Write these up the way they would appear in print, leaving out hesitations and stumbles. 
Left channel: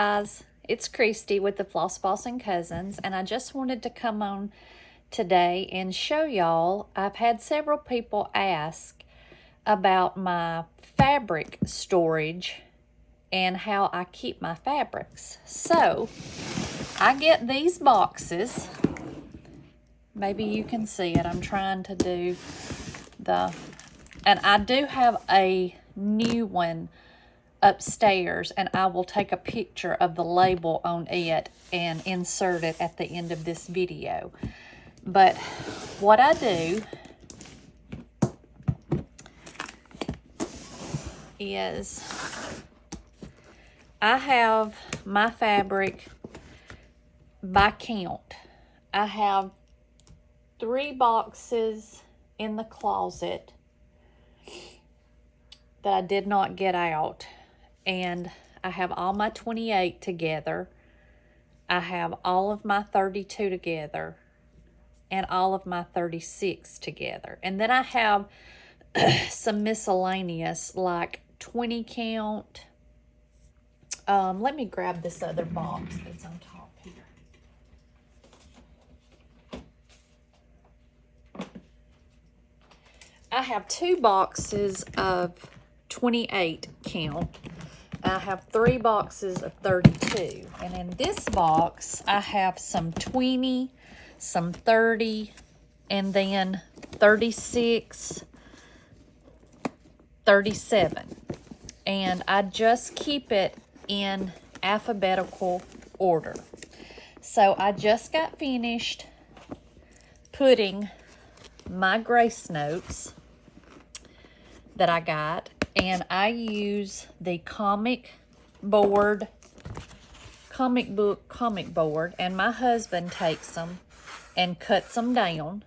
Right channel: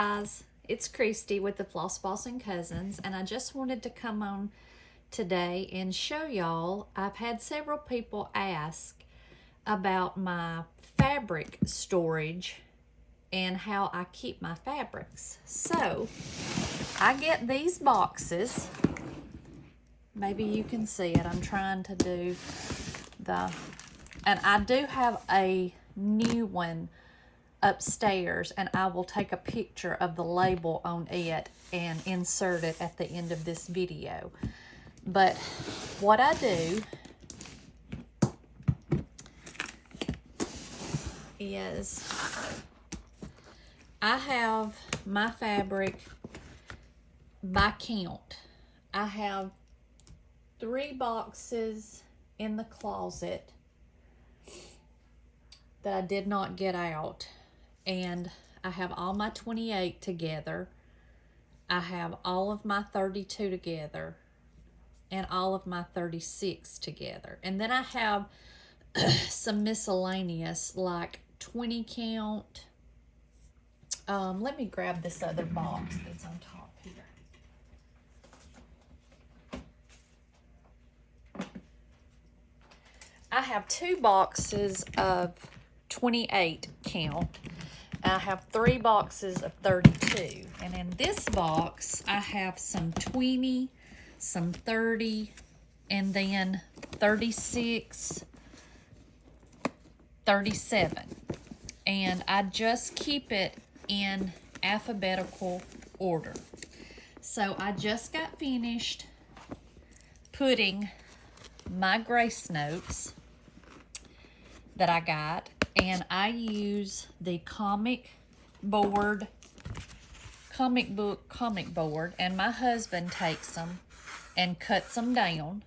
guys, it's Christy with the Floss Bossin Cousins, and I just wanted to come on today and show y'all. I've had several people ask about my fabric storage and how I keep my fabrics. So I get these boxes. Maybe you can see it. I'm trying to do and I do have a new one upstairs, and I will take a picture of the label on it and insert it at the end of this video. But what I do is I have my fabric by count. I have 3 boxes in the closet that I did not get out, and I have all my 28 together. I have all of my 32 together and all of my 36 together. And then I have some miscellaneous like 20 count. Let me grab this other box that's on top here. I have 2 boxes of 28 count. I have 3 boxes of 32. And in this box, I have some 20, some 30, and then 36, 37. And I just keep it in alphabetical order. So I just got finished putting my grace notes that I got, and I use the comic book, and my husband takes them and cuts them down.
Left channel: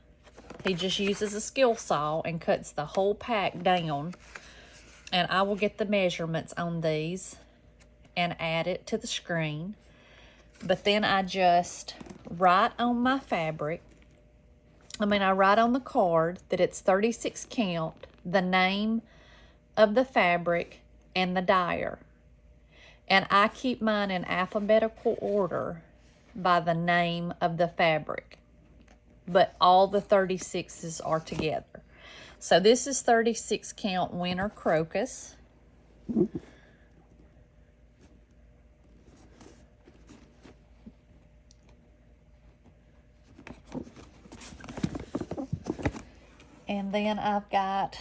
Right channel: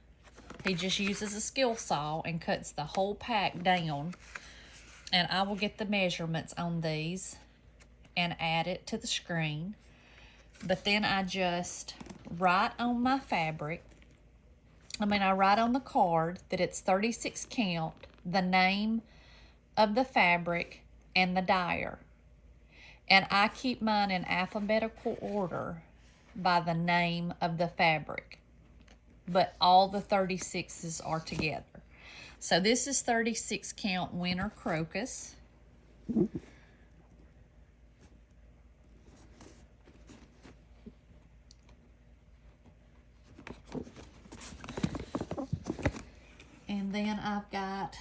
He just uses a skill saw and cuts the whole pack down, and I will get the measurements on these and add it to the screen. But then I just write on my fabric, I write on the card that it's 36 count, the name of the fabric, and the dyer. And I keep mine in alphabetical order by the name of the fabric. But all the 36s are together. So this is 36 count Winter Crocus. And then I've got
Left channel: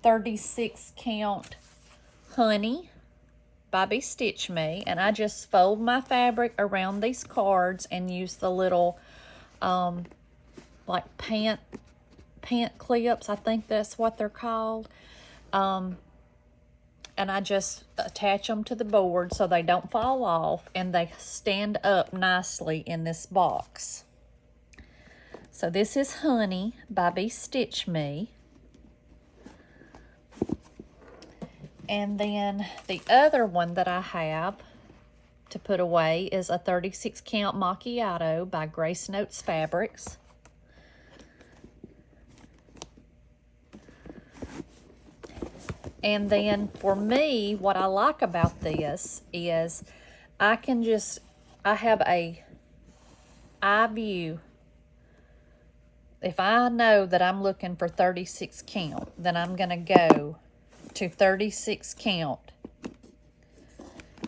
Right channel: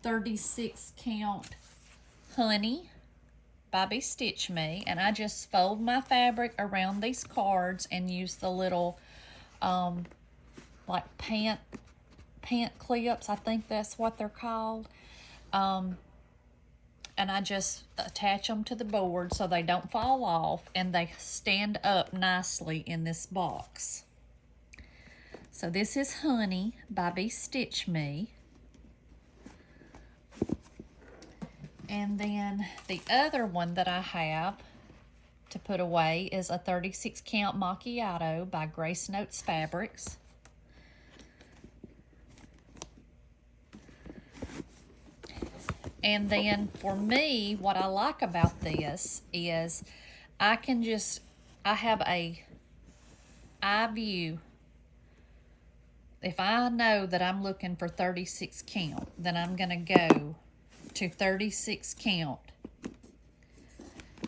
36 count Honey by Stitch Me, and I just fold my fabric around these cards and use the little like pant clips, I think that's what they're called, and I just attach them to the board so they don't fall off and they stand up nicely in this box. So this is Honey by Stitch Me. And then the other one that I have to put away is a 36 count Macchiato by Grace Notes Fabrics. And then for me, what I like about this is I have a eye view. If I know that I'm looking for 36 count, then I'm going to go to 36 count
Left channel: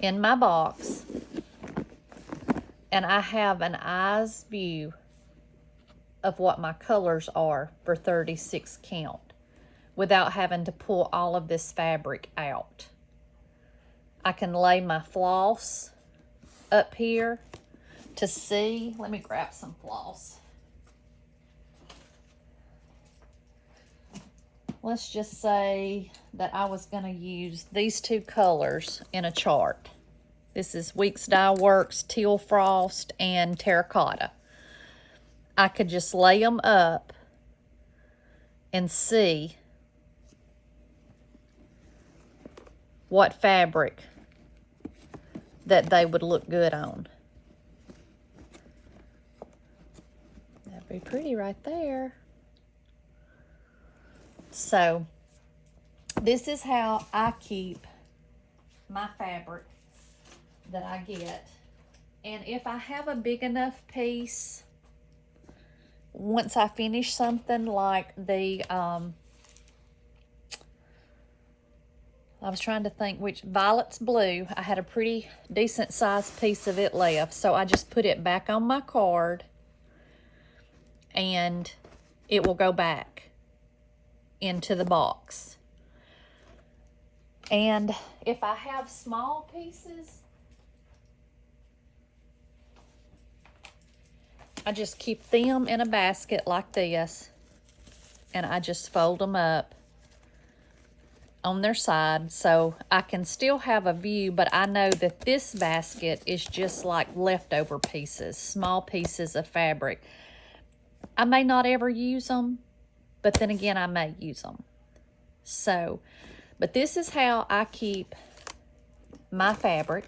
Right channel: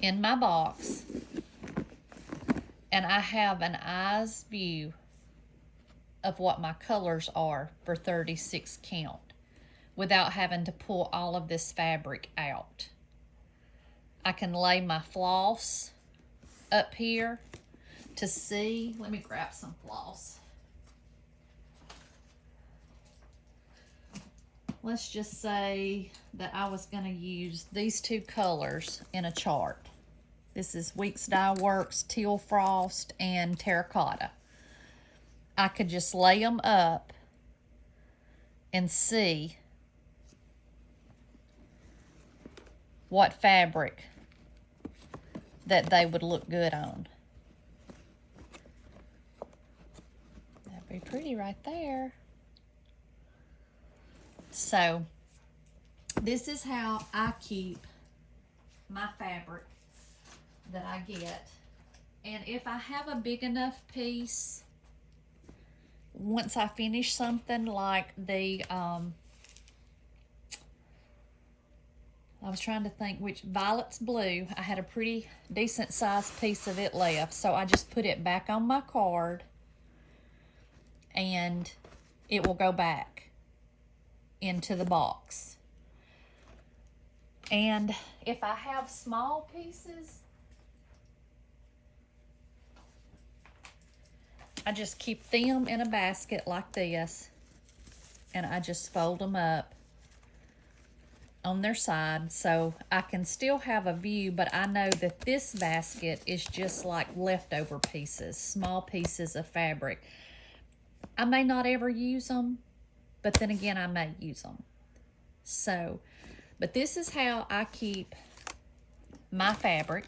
in my box, and I have an eye's view of what my colors are for 36 count without having to pull all of this fabric out. I can lay my floss up here to see. Let me grab some floss. Let's just say that I was going to use these 2 colors in a chart. This is Weeks Dye Works, Teal Frost, and Terracotta. I could just lay them up and see what fabric that they would look good on. That'd be pretty right there. So this is how I keep my fabric that I get. And if I have a big enough piece, once I finish something like the, I was trying to think which, Violet's Blue, I had a pretty decent sized piece of it left. So I just put it back on my card and it will go back into the box. And if I have small pieces, I just keep them in a basket like this, and I just fold them up on their side so I can still have a view, but I know that this basket is just like leftover pieces, small pieces of fabric. I may not ever use them, but then again, I may use them. So, but this is how I keep my fabric,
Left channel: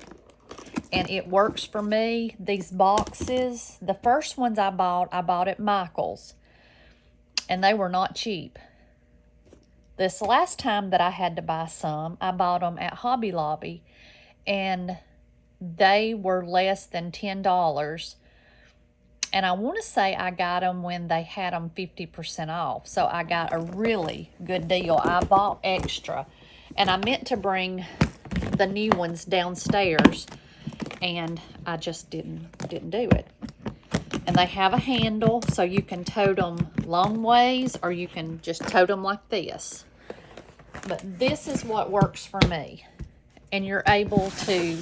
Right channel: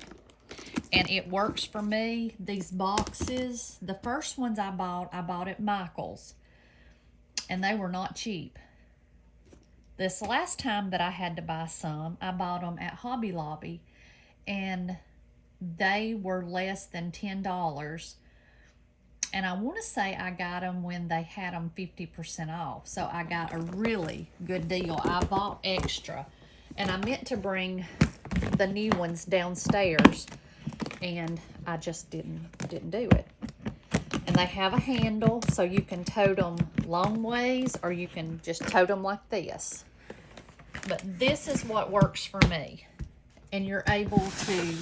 and it works for me. These boxes, the first ones I bought at Michael's, and they were not cheap. This last time that I had to buy some, I bought them at Hobby Lobby, and they were less than $10. And I want to say I got them when they had them 50% off. So I got a really good deal. I bought extra. And I meant to bring the new ones downstairs, and I just didn't do it. And they have a handle, so you can tote them long ways, or you can just tote them like this. But this is what works for me. And you're able to,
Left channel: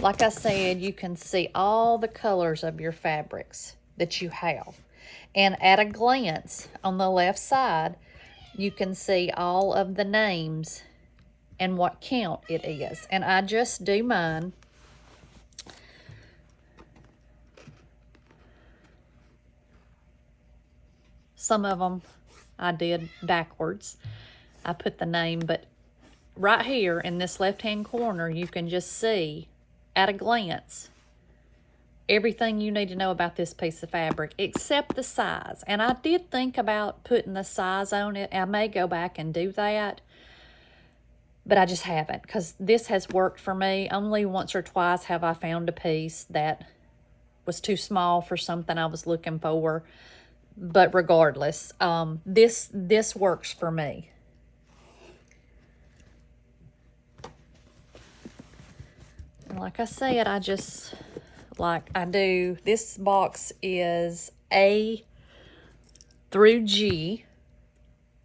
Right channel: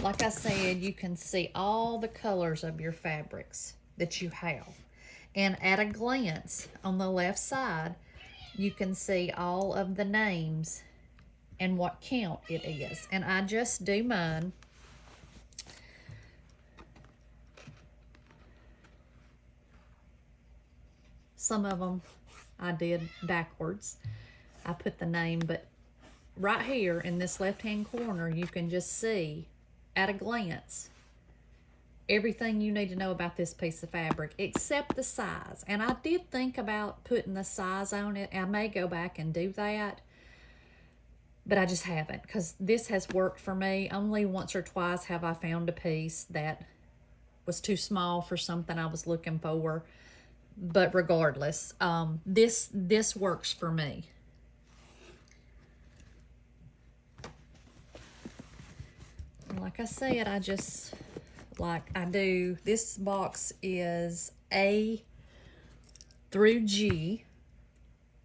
like I said, you can see all the colors of your fabrics that you have. And at a glance on the left side, you can see all of the names and what count it is. And I just do mine. Some of them I did backwards. I put the name, but right here in this left-hand corner, you can just see at a glance everything you need to know about this piece of fabric, except the size. And I did think about putting the size on it. I may go back and do that, but I just haven't, because this has worked for me. Only once or twice have I found a piece that was too small for something I was looking for. But regardless, this works for me. Like I said, I just, this box is A through G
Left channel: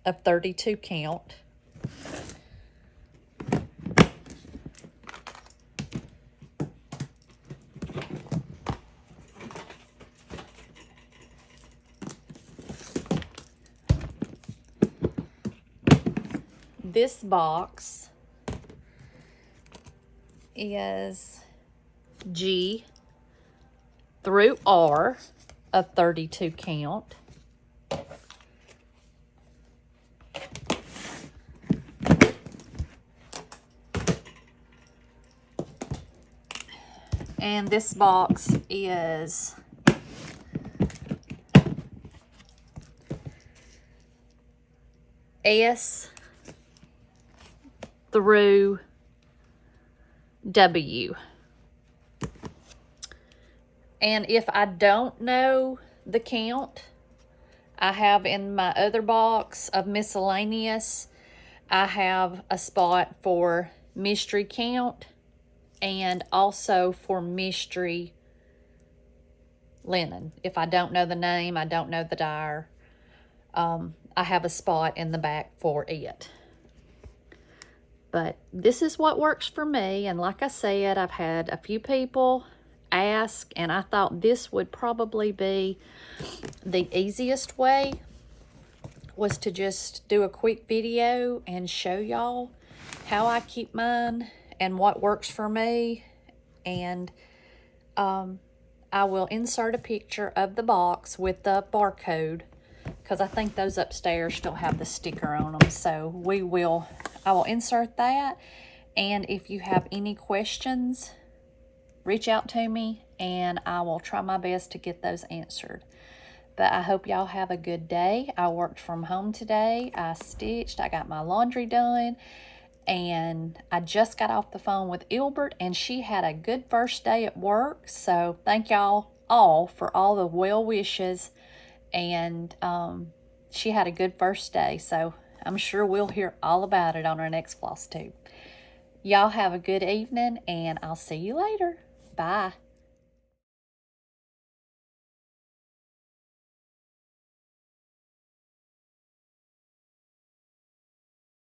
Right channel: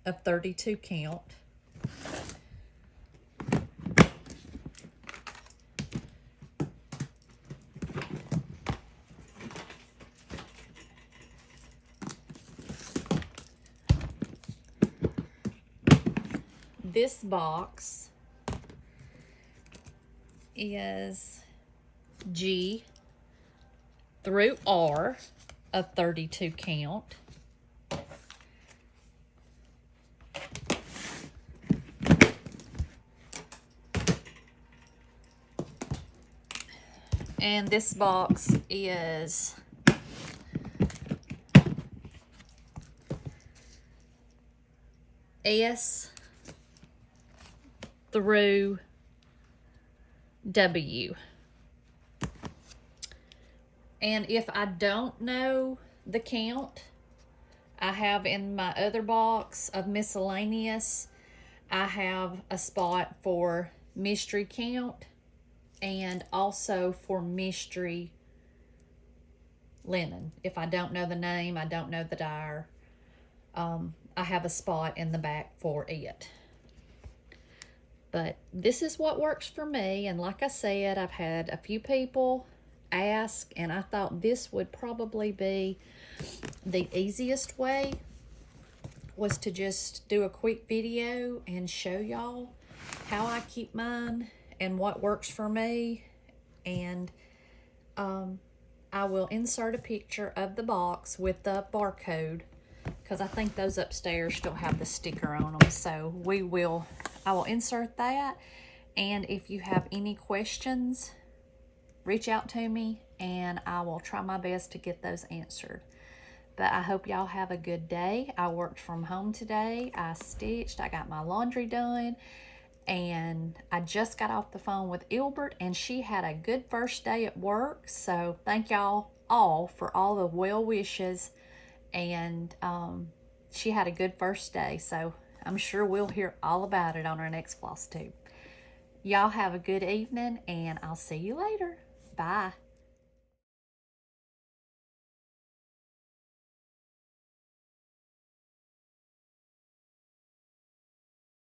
of 32 count. This box is G through R of 32 count. And this box is S through W. And if I don't know the count, I have in my other box of miscellaneous, I have a spot for mystery count and also for mystery linen. If I don't know the name, I don't know the dyer, I have a spot in the back for it. But this is what works for me. And like I said, I've had a few people ask, and I thought this would probably be the easiest way, was to just do a quick video and show y'all how I keep mine and what works for me. And I will insert a picture of the box with the barcode, because I think those upstairs still have the sticker on them. So I will insert that. And if you have any questions, reach out to me and I will try my best to get those answered. But I hope y'all have a good day. I worked from home today. I stitched. I got my laundry done. And I just got off the phone with Ilbert, and she had a good first day at work. So thank y'all all for all the well wishes. And she had a good first day. So I'm sure we'll hear all about it on our next Flosstube. Y'all have a good evening, and I'll see you later. Bye.